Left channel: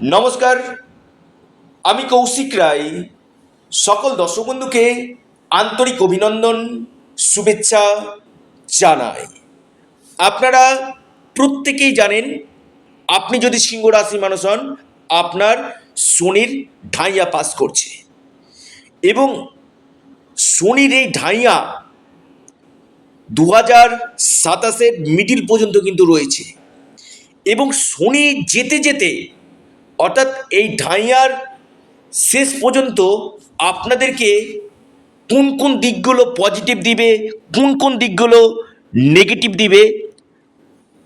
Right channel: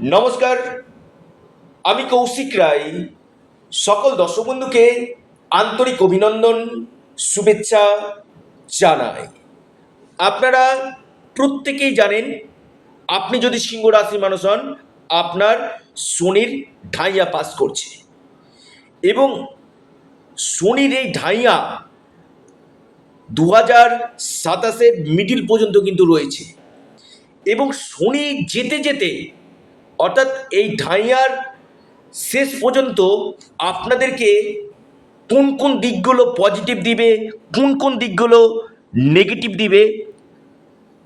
নমস্কার, আমি কৌশিক রায়। সকল দর্শক বন্ধুকে আন্তরিক অভিনন্দন, শুভেচ্ছা জানাই। আপনারা প্রত্যেকেই জানেন, আপনি যদি সিংহ রাশির মানুষ হন, আপনার শনির ঢাইয়া পাস করছে এবং শনির এই ঢাইয়া 2027-এর মিডিল পর্যন্ত কিন্তু রয়েছে এবং শনি যেতে যেতে অর্থাৎ এই ঢাইয়ার শেষ পর্যন্ত আপনাদেরকে কোন কোন দিকগুলো পজিটিভ দিবে, কোন কোন দিকগুলো নেগেটিভ দিবে,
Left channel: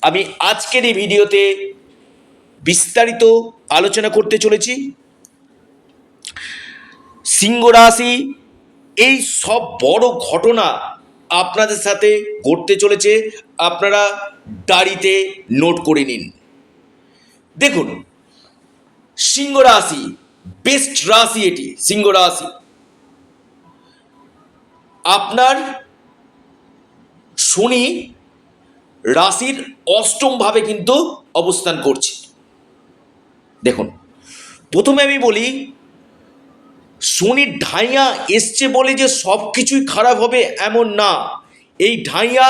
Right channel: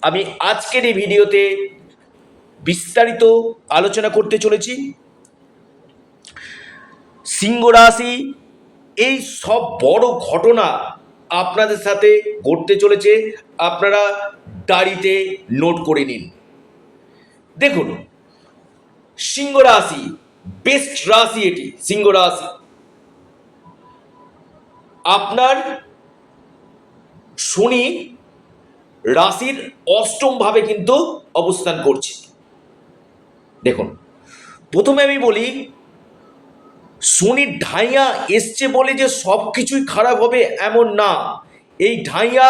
আমি আজকের এই ভিডিওতে বিস্তারিত আলোচনা করতে চলেছি। সিংহ রাশি, এই সব বড় ঘটনা আপনাদের সাথে ঘটতে চলেছে, আপনারা ডায়েরিতে নোট করে নিন। দেখুন, সিংহ রাশি বেস্ট রাশি, এটি সিংহ রাশি। আপনার শনি রাশির অষ্টম ভাবে কিন্তু অবস্থান করছে। দেখুন, প্রথমে আমি বলি, শনির ঢাইয়া এসছে বলে যে সব কিছুই খারাপ হবে এমন না। এই ঢাইয়া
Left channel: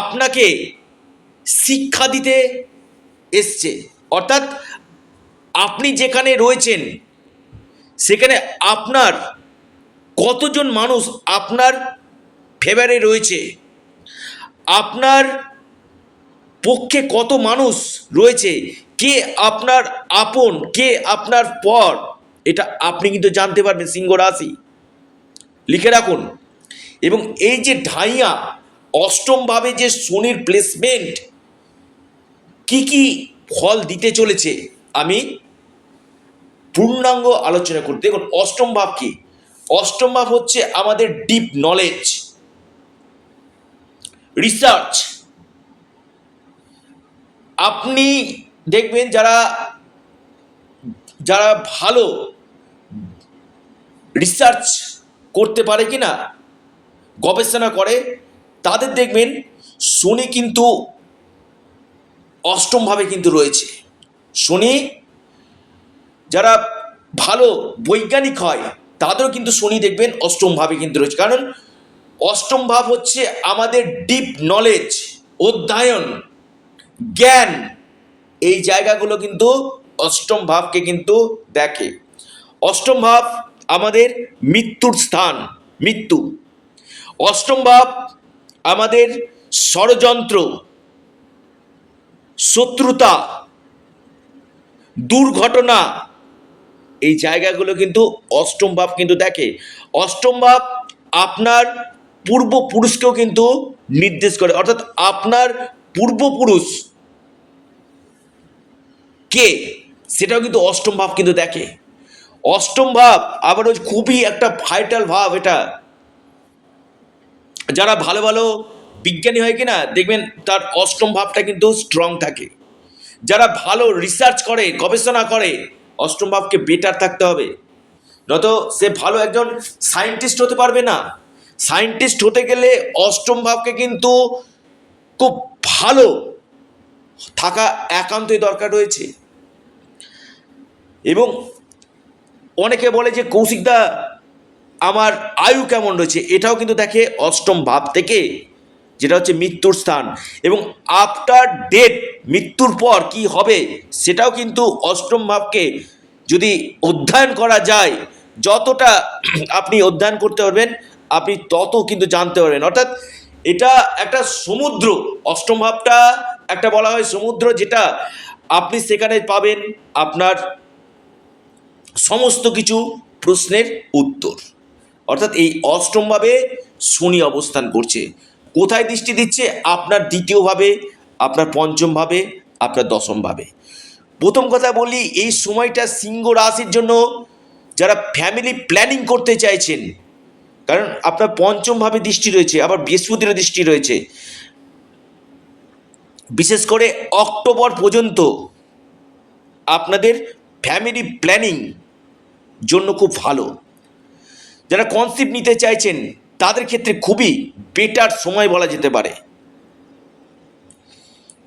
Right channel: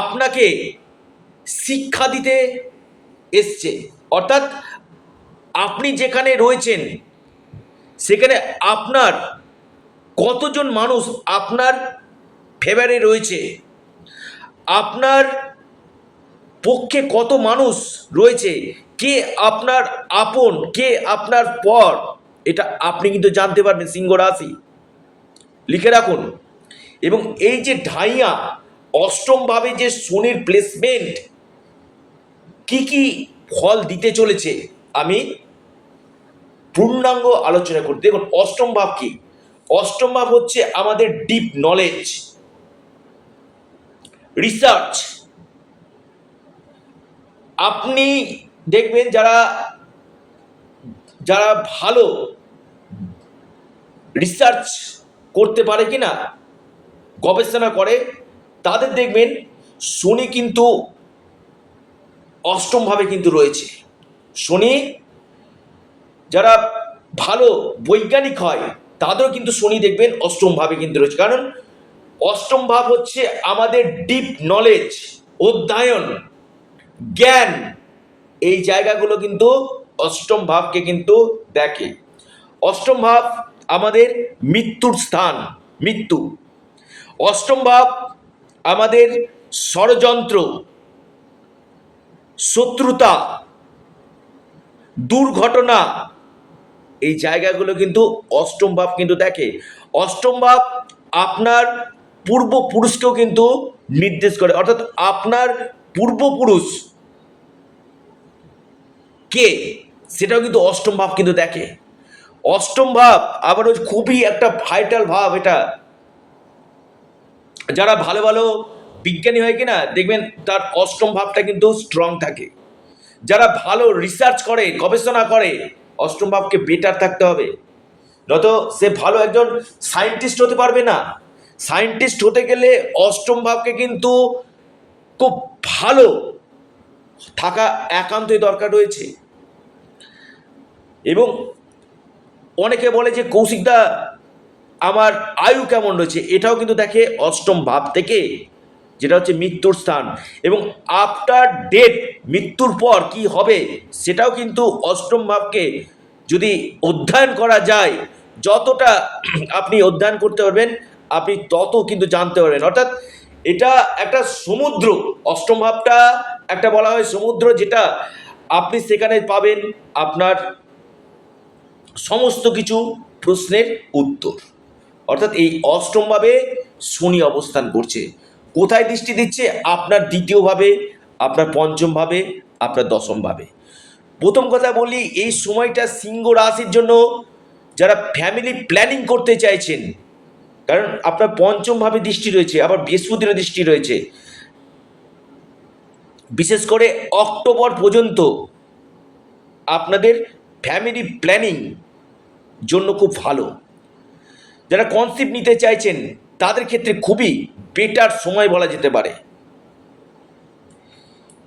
আপনাকে শিক্ষা দিতে এসছে, অর্থাৎ আপনি যেখানে রয়েছেন সেখানে আপনার কতজন মানুষ আপনার ফেভারে রয়েছে, আপনার পক্ষে কত মানুষ রয়েছে, কে আপনার আপন, কে আপনার পর, এটা আপনি কিন্তু জানতে পারবেন সিংহ রাশি। লিখে রাখুন। এবং এই যে ঢাইয়া অষ্টমভাবে যে শনির প্লেসমেন্ট কি কি ফল দিতে চলেছে, আমি পূর্ণাঙ্গ আলোচনা করতে। দেখুন, অষ্টম ভাব কি? অষ্টম ভাব হচ্ছে আমাদের ডিপ নলেজ, রিসার্চ। আপনি দেখবেন যারা যারা ভালো রিসার্চ করতে পারে কিনা, গবেষণা করে, তাদের দেখবেন শনি কিন্তু অষ্টমভাবে কিন্তু রয়েছে। শনি যারা ভালো বৈজ্ঞানিক হয় তাদেরও কিন্তু শনি দেখবেন অষ্টমভাবে কিন্তু রয়েছে। কারণ অষ্টম ভাব হচ্ছে আমাদের ডিপ নলেজ, অধ্যয়ন, জ্ঞান। এই জায়গাগুলো কিন্তু অষ্টম ভাবকে কিন্তু দেখে। অষ্টম ভাব আমাদের মৃত্যুর স্থান, মৃত্যু। অষ্টম ভাব আমাদের ষড়যন্ত্র, শত্রুতা, দুর্ঘটনা, এই জায়গাগুলো কিন্তু অষ্টম ভাব কিন্তু দেখে। অষ্টম ভাব আপনার পূর্বপুরুষকেও কিন্তু নির্দেশ করে, অর্থাৎ আপনার পূর্বপুরুষ কে, সেটাও কিন্তু অষ্টম ভাব কিন্তু দেখে। অষ্টম ভাব আবার খুবই একটা ভাইটাল ভাব। এটা যারা ভালো ভালো বিজ্ঞানী হয় কিনা দেখবেন তার অষ্টম ভাবটা কিন্তু স্ট্রং থাকে। যারা ভালো রিসার্চ করে, গবেষণা করে, অষ্টম ভাবকে বেটার থাকতে হবে, নয়তো সে ভালো একজন সায়েন্টিস্ট হতে পারবে না। সায়েন্টিস্ট হতে গেলে অষ্টম ভাবকে কিন্তু খুব ভালো থাকা একান্তই দরকার রয়েছে। এবং অনেকে বলে যে কৌশিকদা আমার আয়ু কেমন রয়েছে, এটাও কিন্তু দেখে অষ্টম ভাব থেকে, যেটা হচ্ছে মৃত্যুর স্থান। এবং আফটার ডেথ, মৃত্যুর পর কি হবে সেটাও কিন্তু অষ্টম ভাবকে যদি অধ্যয়ন করা যায়, যতটা আপনি অধ্যয়ন করতে পারবেন আপনি তত কিন্তু জানতে পারবেন। অর্থাৎ এটা একটা সমুদ্র, অষ্টম ভাবটা একটা বলা হয় সমুদ্র, যেটা আপনি সেখানে পাবেন আপনার সমস্ত কিছু প্রশ্নের উত্তর। অর্থাৎ এই অষ্টমভাবে শনি অবস্থান করছে। কোথায় দৃষ্টি দিচ্ছে? আপনার দ্বিতীয়ভাবে, আপনার পঞ্চমভাবে, আপনার দশমভাবে। প্রথম কথা বলি, এই সময়টা সিংহ রাশির জন্য যারা ফ্যামিলি প্ল্যানিং করতে চাইছেন, কারণ আপনার পঞ্চমভাবে দৃষ্টি রয়েছে, আবার বৃহস্পতিরও দৃষ্টি রয়েছে। বিশেষ করে অক্টোবর পর্যন্ত আপনাদের ফ্যামিলি প্ল্যানিং জন্য খুব ভালো। যারা কনসেপ্ট নিতে চাইছেন তাদের ক্ষেত্রে খুবই বেটার সময় বলা যেতে পারে।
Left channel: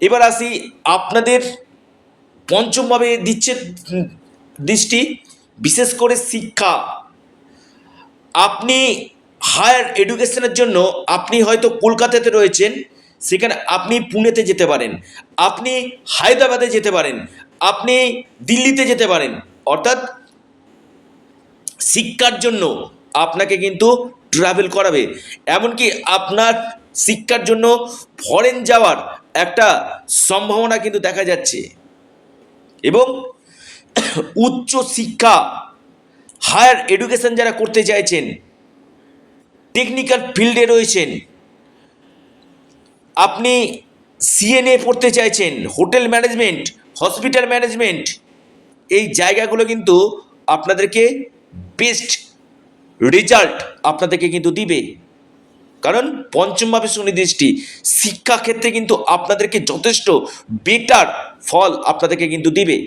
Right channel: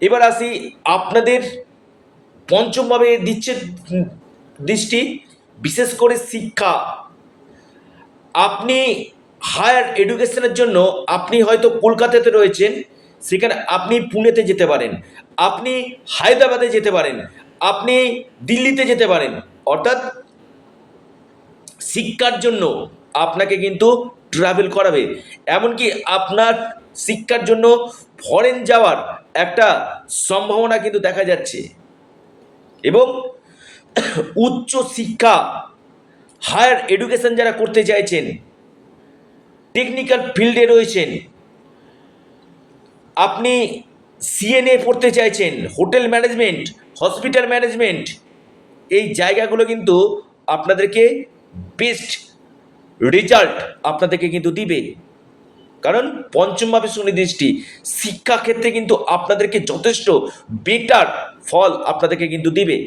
এবার আসি আপনাদের পঞ্চমভাবে দিচ্ছে দৃষ্টি, বিশেষ করে শিক্ষা। আপনি হায়ার এডুকেশনের জন্য আপনি হয়তো কলকাতাতে রয়েছেন, সেখানে আপনি পুনেতে যেতে পারেন, আপনি হায়দ্রাবাদে যেতে পারেন, আপনি দিল্লিতে যেতে পারেন। অর্থাৎ শিক্ষার জন্য আপনাকে কিন্তু ট্রাভেল করাবে। এমনকি আপনার শিক্ষার জন্য ফরেন যাওয়ার একটা সম্ভাবনা কিন্তু দেখা যাচ্ছে। এবং উচ্চ শিক্ষা, হায়ার এডুকেশন যারা করতে চাইছেন, টেকনিক্যাল ফিল্ডে রয়েছেন, আপনি সিএনএ পড়তে চাইছেন, হোটেল ম্যানেজমেন্ট, হসপিটাল ম্যানেজমেন্ট, এই জায়গাগুলো কিন্তু আপনাদেরকে বেস্ট রেজাল্ট আপনাদেরকে কিন্তু দিবে। কারণ পঞ্চমভাবে শনি দৃষ্টি শিক্ষাক্ষেত্রে কিন্তু আপনাদেরকে যথেষ্ট বেটার ফল আপনাদেরকে কিন্তু দিবে।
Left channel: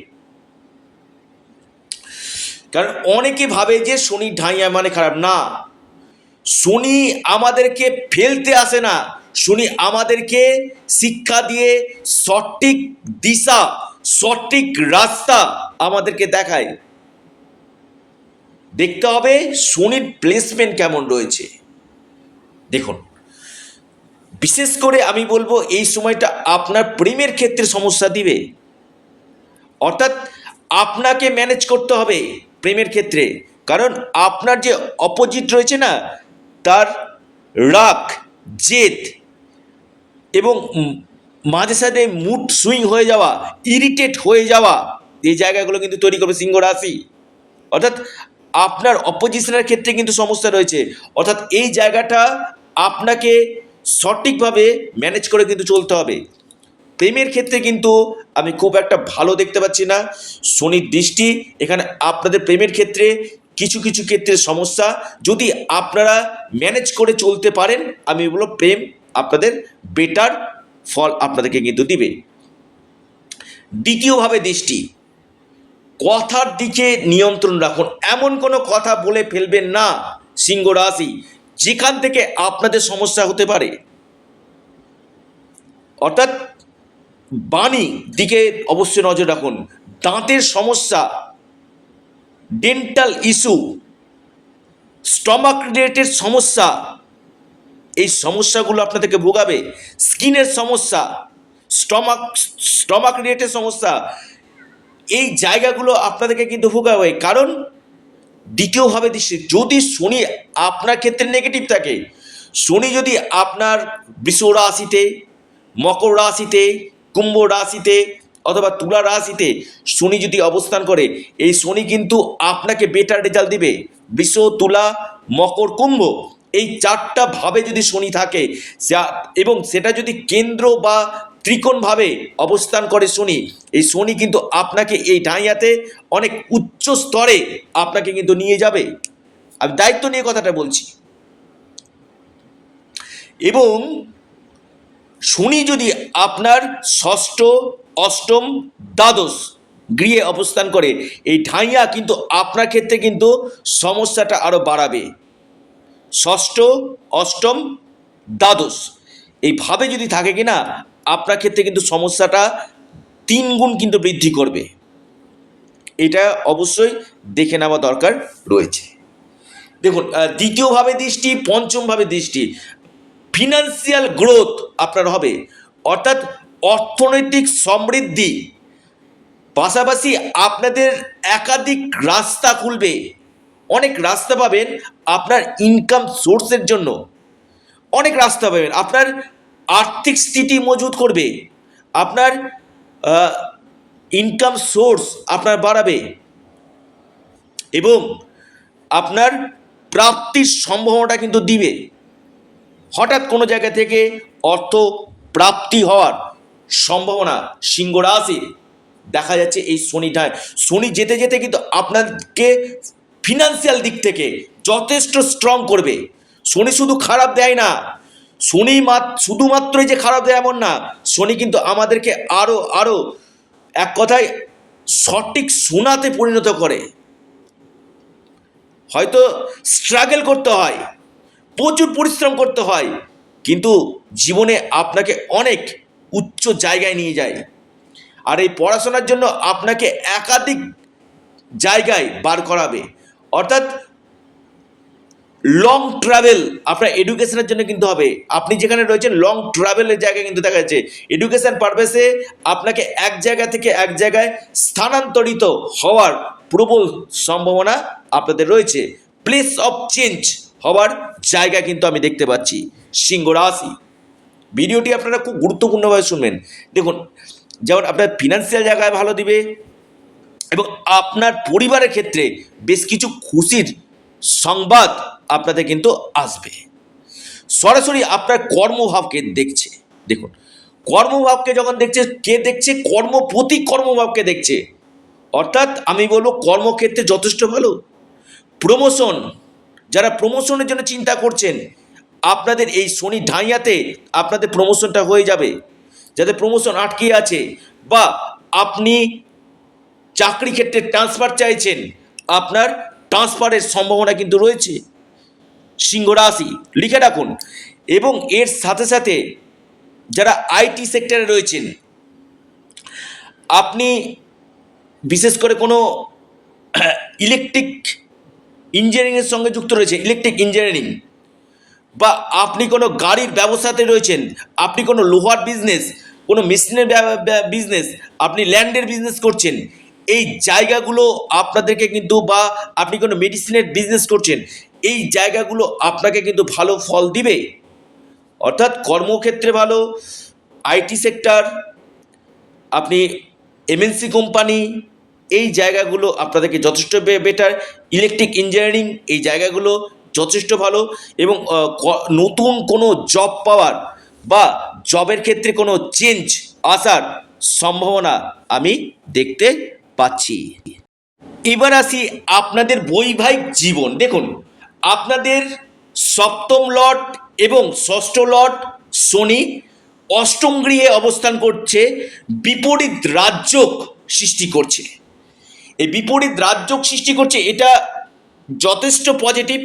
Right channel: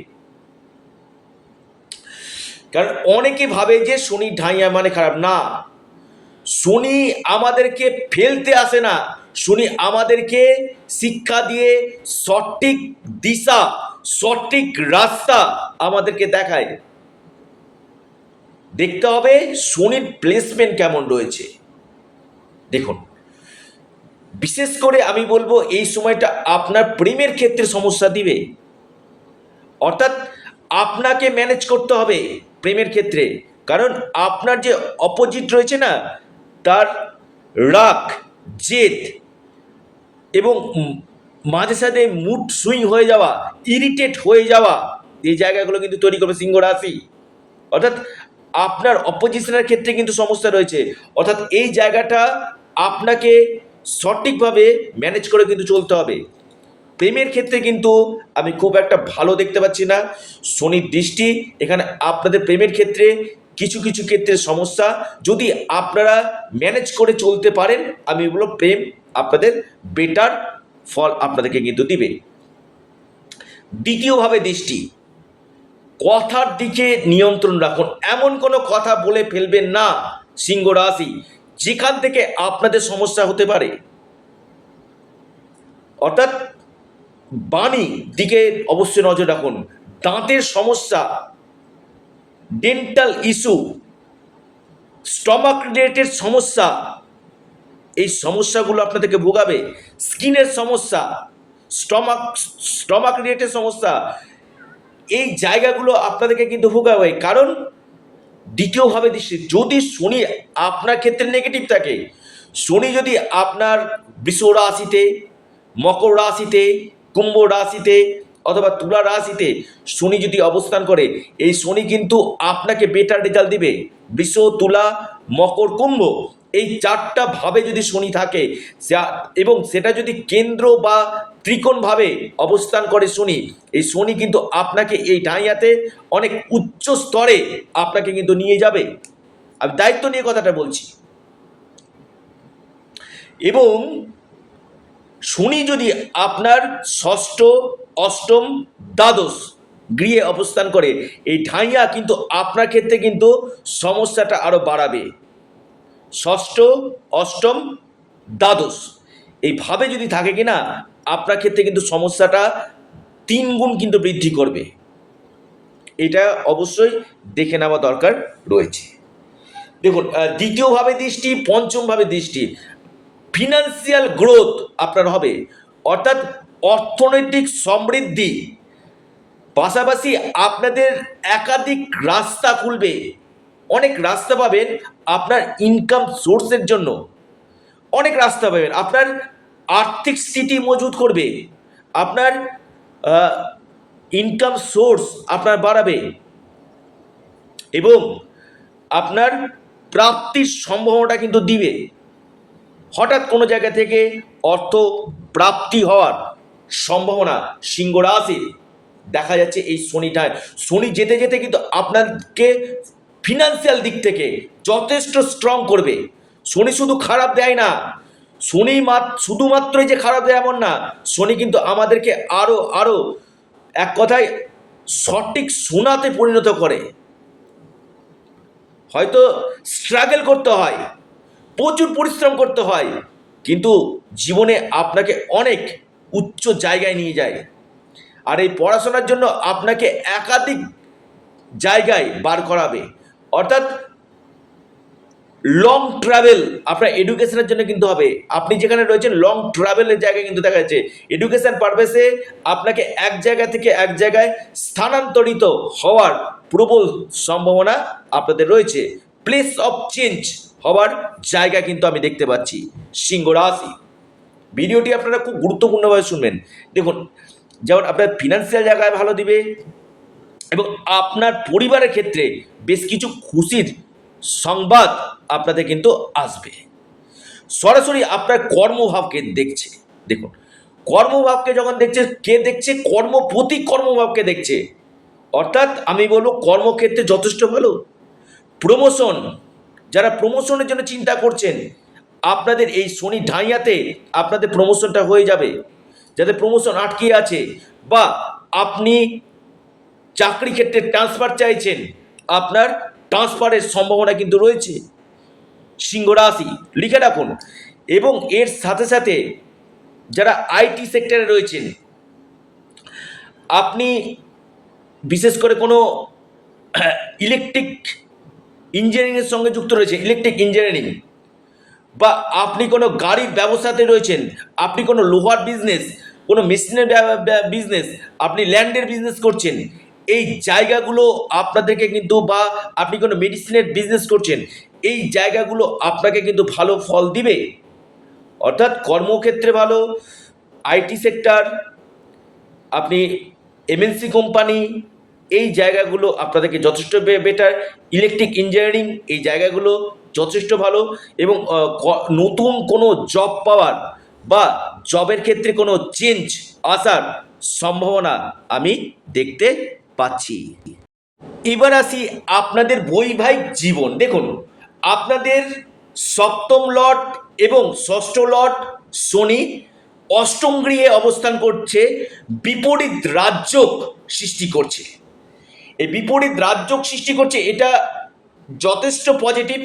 কারণ অনেকে ভাবে যে শনি ঢাইয়া মানে খারাপ। না, শনি আমাদেরকে ফেলতে আসে না, শনি আমাদেরকে শিক্ষা দিয়ে সঠিক দিশা, সঠিক রাস্তা আমাদেরকে দেখায়। দেখতে হবে শনির প্লেসমেন্ট কেমন রয়েছে। দেখুন, বিশেষ করে আমি বলবো এই সময়টা আপনার প্রেমের ক্ষেত্রে সমস্যা দিবে। অর্থাৎ আপনাকে ম্যানেজ করতে হবে প্রেমের ক্ষেত্রে। কারণ আপনার যে অপোজিট রয়েছে না, তার রাগ, জেদ এবং মাঝে সাথে মুড সুইং হয়ে যাওয়া, ইরিটেট হয়ে যাওয়া, এই জায়গাগুলো কিন্তু তৈরি করবে সিংহ রাশি। অর্থাৎ আপনার অপোজিশনের ক্ষেত্রে কিন্তু সমস্যা রয়েছে। অর্থাৎ এই জায়গাটা আপনাকে সঠিকভাবে ম্যানেজ করে কিন্তু চলতে হবে। প্রেমের ক্ষেত্রে কিন্তু আমি খুব একটা ভালো দেখতে পাচ্ছি না শনির দৃষ্টি। এখানে আপনাদের প্রেমের ক্ষেত্রে কিছু কিছু ক্ষেত্রে সমস্যা, যদি আপনারা ম্যানেজ করে চলতে পারেন, আমি বলবো প্রেম আপনাদের বেটার ফল আপনাদেরকে কিন্তু দিবে। দ্বিতীয়ভাবে দৃষ্টি, কথার দিকে নিয়ন্ত্রণ রাখুন। এমন কোনো কথা বলে ফেলবেন না সিংহ রাশি যেখান থেকে আপনাদের সমস্যা হতে পারে। অর্থাৎ বাণী দিকে অবশ্যই নজর রাখুন। দাঁতের সমস্যা, ডেন্টাল ইস্যু, স্টমাক রিলেটেড সমস্যা, এই সমস্যাগুলো আপনাদেরকে ভোগাবে। স্কিনের সমস্যা, স্টমাক রিলেটেড সমস্যা, এই জায়গাগুলো আপনাদেরকে কিন্তু ভোগাবে। কারণ দ্বিতীয়ভাবে দৃষ্টি, যদি শনি আপনার ক্ষেত্রে নেগেটিভ থাকে, শনি যদি আপনার বৃষ রাশিতে, মকর রাশিতে, কুম্ভ রাশিতে অথবা তুলা রাশিতে শনি যদি অবস্থান করে, এই শনি কিন্তু আপনাকে বেটার রেজাল্ট দিবে। বৃষ, তুলা, মকর, কুম্ভ, এই চারটা ভাবে যদি শনি থাকে এবং সেটা যদি কেন্দ্র বা ত্রিকোণভাবে অবস্থান করে শনি, এই শনি কিন্তু আপনাকে এই ঢাইয়াতে অনেক উচ্চ স্তরে আপনাকে কিন্তু নিয়ে যাবে। আমি দায়িত্ব নিয়ে কথাটা বলছি। এবং শনি যদি আপনার ষষ্ঠ, অষ্টম, দ্বাদশ গৃহে অবস্থান করে, এই ঢাইয়া কিন্তু আপনার ক্ষেত্রে কিন্তু সমস্যাটা আরও বাড়াবে। ষষ্ঠ, অষ্টম, দ্বাদশ এইভাবে যদি থাকে কিনা, আপনার ক্ষেত্রে কিন্তু সমস্যাটা 3 গুণ কিন্তু বৃদ্ধি করবে। এটা অবশ্যই দেখে নেওয়া দরকার রয়েছে। দেখুন, দ্বিতীয়ভাবে দৃষ্টি, পঞ্চমভাবে দৃষ্টি, ফিনান্সিয়াল গ্রোথ আপনার হবে। অর্থাৎ অর্থনৈতিক সমৃদ্ধি, পাশাপাশি আপনাদের একাধিক রাস্তা খুলবে। অনেক রাস্তা পাবেন আপনার ইনকাম সোর্সের জন্য, অনেক রাস্তা পাবেন। আপনার আর্থিক স্থিতি মজবুত করবে, আপনার ইনকাম সোর্স আপনার বাড়াবে এবং আপনার প্রাপ্তির সম্ভাবনাটা কিন্তু দিবে। হঠাৎ কোনো জায়গা থেকে অর্থ প্রাপ্তি হওয়ার সম্ভাবনা সিংহ রাশির দেখা যাচ্ছে। এই শনি যেতে যেতে কিন্তু আপনাকে ফিনান্সিয়াল দিক থেকে যথেষ্ট স্ট্রং করবে। শনি শুধু খারাপ দেয় না, শনি শুধুমাত্রই যে খারাপ দেয় এমন না, শনি কিন্তু আমাদেরকে আরও আরও এক কথায় সঠিক সোনাতে পরিণত করে। হয়তো স্ট্রাগল করতে হয়, প্রচুর পরিশ্রম করতে হয়, কিন্তু জীবনে আপনাকে অনেক উচ্চ জায়গায় নিয়ে যায়। আর এই পড়াশোনার জন্য আপনাকে একাধিক জায়গায় বার করাবে, অর্থাৎ লং ট্রাভেল আপনার এডুকেশনের জন্য কিন্তু হবে। আপনি যেখানে রয়েছেন লং ট্রাভেলের জায়গায় কিন্তু দেখা যাচ্ছে এডুকেশন পারপাসে আপনাকে এক জায়গা থেকে এক জায়গায় স্থানান্তরিত হওয়ার প্রবল সম্ভাবনা আপনাদের রয়েছে। প্লেস অফ চেঞ্জ হওয়ার জায়গা কিন্তু আমি দেখতে পাচ্ছি সিংহ রাশি। ভিডিওটি আপনারা খুব গুরুত্বপূর্ণভাবে শুনবেন। দেখুন, যেমন আপনার ফিনান্সিয়াল জায়গায় ভালো দিবে এবং আপনার পরিবারের ক্ষেত্রে বেশ কিছু খুশির সংবাদ আপনাদের কিন্তু আসবে। সরাসরি আপনার কর্মভাবকে দেখছে। দেখুন, কর্মভাবকে যখন দেখছে, কে দেখছে? কর্মপতি কর্মভাবকে দেখছে, অর্থাৎ আমি বলবো কর্মক্ষেত্রে যথেষ্ট ভালো। প্রমোশন, যারা প্রমোশনের জন্য চিন্তা করছেন, আপনাদের এই শনি ঢাইয়াতে আপনাদের প্রমোশনটা হয়ে যাবে। যাদের প্রমোশন আটকে আছে বা আপনি চাকরি ক্ষেত্রে ট্রান্সফার চাইছেন, আপনার ট্রান্সফারের সম্ভাবনা কিন্তু রয়েছে সিংহ রাশি, লিখে রাখুন। এবং এর সাথে সাথে যারা আইটি সেক্টরে রয়েছেন, আপনি বিশেষ করে কোনো ইলেকট্রিক ইঞ্জিনিয়ারিংয়ের সঙ্গে যুক্ত রয়েছে, ইলেকট্রিক ইঞ্জিনিয়ারিং, বা আপনি কোনো গাড়ির ব্যবসাতে রয়েছেন, আপনি কোনো লোহার বিজনেস, কোনো মেশিনের বিজনেস, আপনি ল্যান্ডের বিজনেস করছেন, এই জায়গাগুলো আপনাদেরকে কিন্তু, বা আপনি কোনো মেডিসিনের বিজনেস করছেন, এই জায়গাগুলো আপনাকে কিন্তু ভালো ফল দিবে। অর্থাৎ কর্মক্ষেত্রে ভালো, আইটি সেক্টর, আপনি এমএনসি কোম্পানি, এই জায়গাগুলো আপনাদেরকে যথেষ্ট বেটার। ইলেকট্রিক ইঞ্জিনিয়ারিং, এই জায়গাগুলো যথেষ্ট ভালো। এবং নতুন কোনো জব পাওয়ার বা জবের ক্ষেত্রে কোনো চেঞ্জ আসার সম্ভাবনা আমি দেখতে পাচ্ছি। এবার আসি আপনাদের বৈবাহিক জীবন। দেখুন, আপনাদের সপ্তম লট এবং ষষ্ঠ লট শনি অষ্টম গৃহে অবস্থান করছে, বিপরীত রাজযোগ সৃষ্টি করছে। এই বিপরীত রাজযোগ সৃষ্টি করছে, এটা যথেষ্ট পজিটিভ,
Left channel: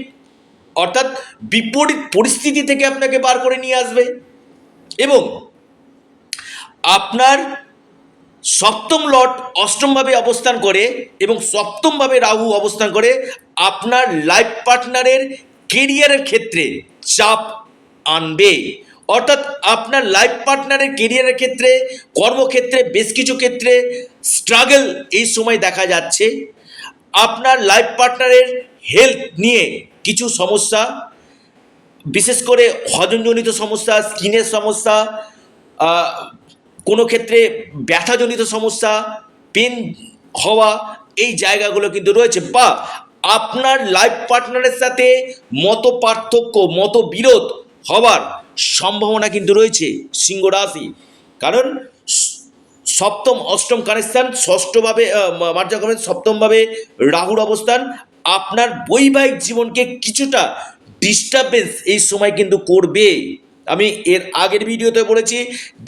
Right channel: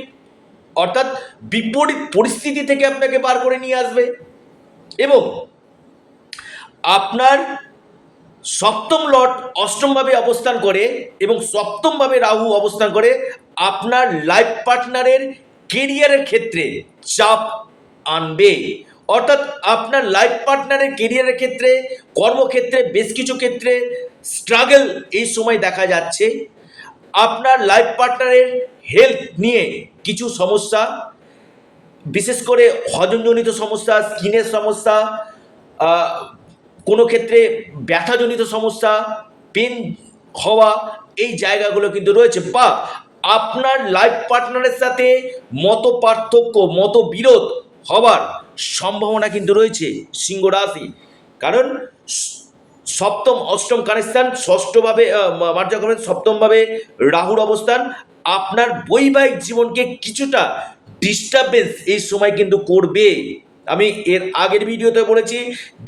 অর্থাৎ বিপরীত পরিস্থিতি থেকে আপনাকে বার করে নিয়ে আসবে। এবং আপনার সপ্তম লট অষ্টমভাবে অবস্থান করে এবং সপ্তমভাবে রাহু অবস্থান করে আপনার লাইফ পার্টনারের কেরিয়ারের ক্ষেত্রে চাপ আনবে। অর্থাৎ আপনার লাইফ পার্টনারের কেরিয়ারের ক্ষেত্রে, কর্মক্ষেত্রে বেশ কিছু ক্ষেত্রে স্ট্রাগল এই সময় দেখা যাচ্ছে। আপনার লাইফ পার্টনারের হেলথ নিয়ে কিছু সমস্যা, বিশেষ করে হজমজনিত সমস্যা, স্কিনের সমস্যা, কোনো ক্ষেত্রে ব্যথাজনিত সমস্যা, পেন হওয়া, এই জায়গাগুলো কিন্তু রয়েছে। বা আপনার লাইফ পার্টনারের সাথে মত পার্থক্য, মতবিরোধ হওয়ার সম্ভাবনা কিন্তু রয়েছে সিংহ রাশি। কারণ সপ্তম অষ্টম কানেকশান, ষষ্ঠভাবে মার্জাক্রমে সপ্তমভাবে রাহুর অবস্থান আপনার বৈবাহিক জীবনকে কিছুটা ডিস্টারবেন্স এই সময় কিন্তু করবে। আমি এর আগের ভিডিওতে বলেছি,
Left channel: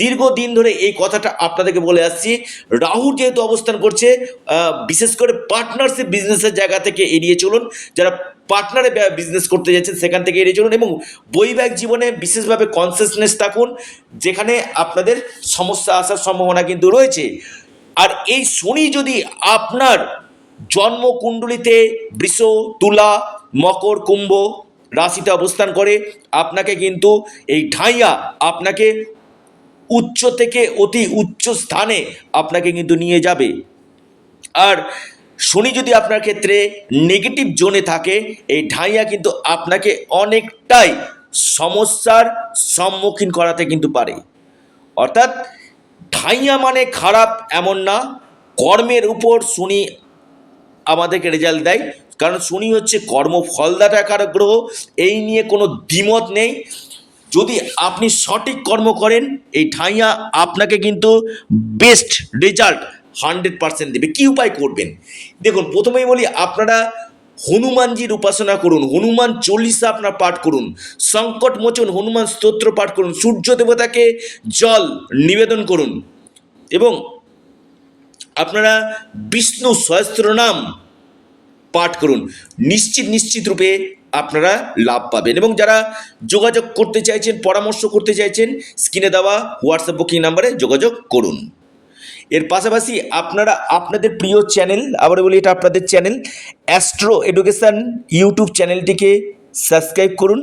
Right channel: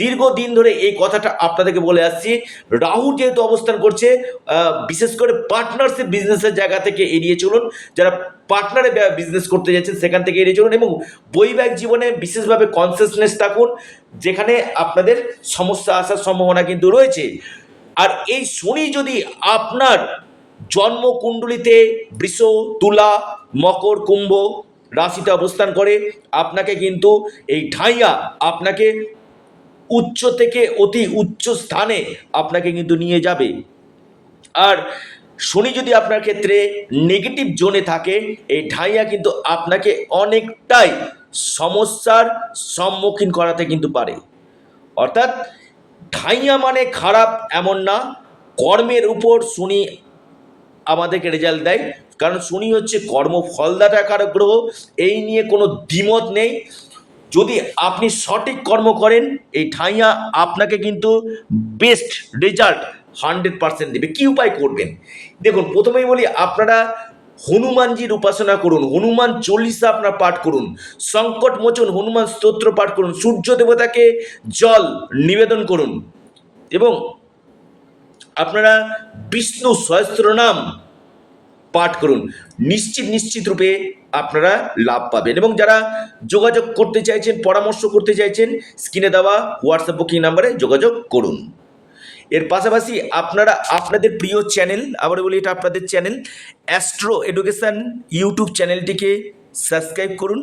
দীর্ঘদিন ধরে এই কথাটা আপনাদেরকে বলে আসছি। রাহু যেহেতু অবস্থান করছে, বিশেষ করে পার্টনারশিপ বিজনেসের জায়গা থেকে এড়িয়ে চলুন। যারা পার্টনারে বিজনেস করতে যাচ্ছেন সেখান থেকে এড়িয়ে চলুন। এবং বৈবাহিক জীবনে বিশেষভাবে কনসিয়াসনেস থাকুন, যেখানে আপনাদের সমস্যা আসার সম্ভাবনা কিন্তু রয়েছে। আর এই শনি যদি আপনার জন্মকুণ্ডলিতে বৃষ, তুলা, মকর, কুম্ভ রাশিতে অবস্থান করে, আপনাকে কিন্তু এই ঢাইয়া আপনাকে উচ্চ থেকে অতি উচ্চ স্থানে আপনাকে কিন্তু নিয়ে যাবে। আর শনি যদি আপনার ক্ষেত্রে নেগেটিভ জোনে থাকে, এই ঢাইয়া কিন্তু আপনাকে অনেকটাই সমস্যার সম্মুখীন করাতে কিন্তু পারে। অর্থাৎ ঢাইয়া মানে খারাপ এমন না, কর্মের উপর শনি আমাদেরকে রেজাল্ট দেয়। কারণ শনি হচ্ছে কর্মফলদাতা কারক গ্রহ, এই নিয়ে কোনো দ্বিমত নেই। যদি আপনি সঠিক কর্ম করেন, এই ঢাইয়া আপনাকে কিন্তু বেস্ট রেজাল্ট 100% দেবে। কী উপায় করবেন? দেখুন, প্রথমেই বলি, আপনারা হনুমানজির উপাসনা করুন, হনুমান চল্লিশা আপনার পাঠ করুন, সংকট মোচন হনুমান স্তোত্র পাঠ করুন, সূর্য দেবতাকে জল নিবেদন করুন এবং আপনারা বিষ্ণু সহস্রনাম পাঠ করুন। নিশ্চিত রূপে আপনারা লাভ পাবেন। এবং যারা যোগাযোগ করতে চাইছেন, পরামর্শ করতে চাইছেন, স্ক্রিনে দেওয়া হোয়াটসঅ্যাপ বুকিং নাম্বারে যোগাযোগ করুন। এর পাশাপাশি আপনারা আপনাদের প্রিয় চ্যানেল, আবার বলি এটা আপনাদের চ্যানেল অ্যাস্ট্রো এডুকেশন ইউটিউব চ্যানেলটিকে সাবস্ক্রাইব করুন।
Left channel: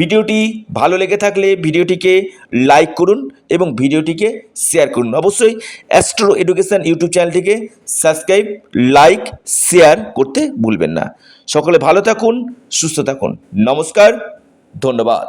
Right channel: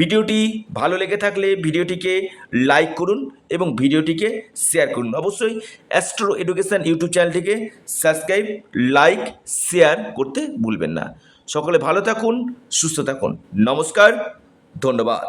ভিডিওটি ভালো লেগে থাকলে ভিডিওটিকে লাইক করুন এবং ভিডিওটিকে শেয়ার করুন। অবশ্যই অ্যাস্ট্রো এডুকেশন ইউটিউব চ্যানেলটিকে সাবস্ক্রাইব, লাইক, শেয়ার করতে ভুলবেন না। সকলে ভালো থাকুন, সুস্থ থাকুন। নমস্কার, ধন্যবাদ।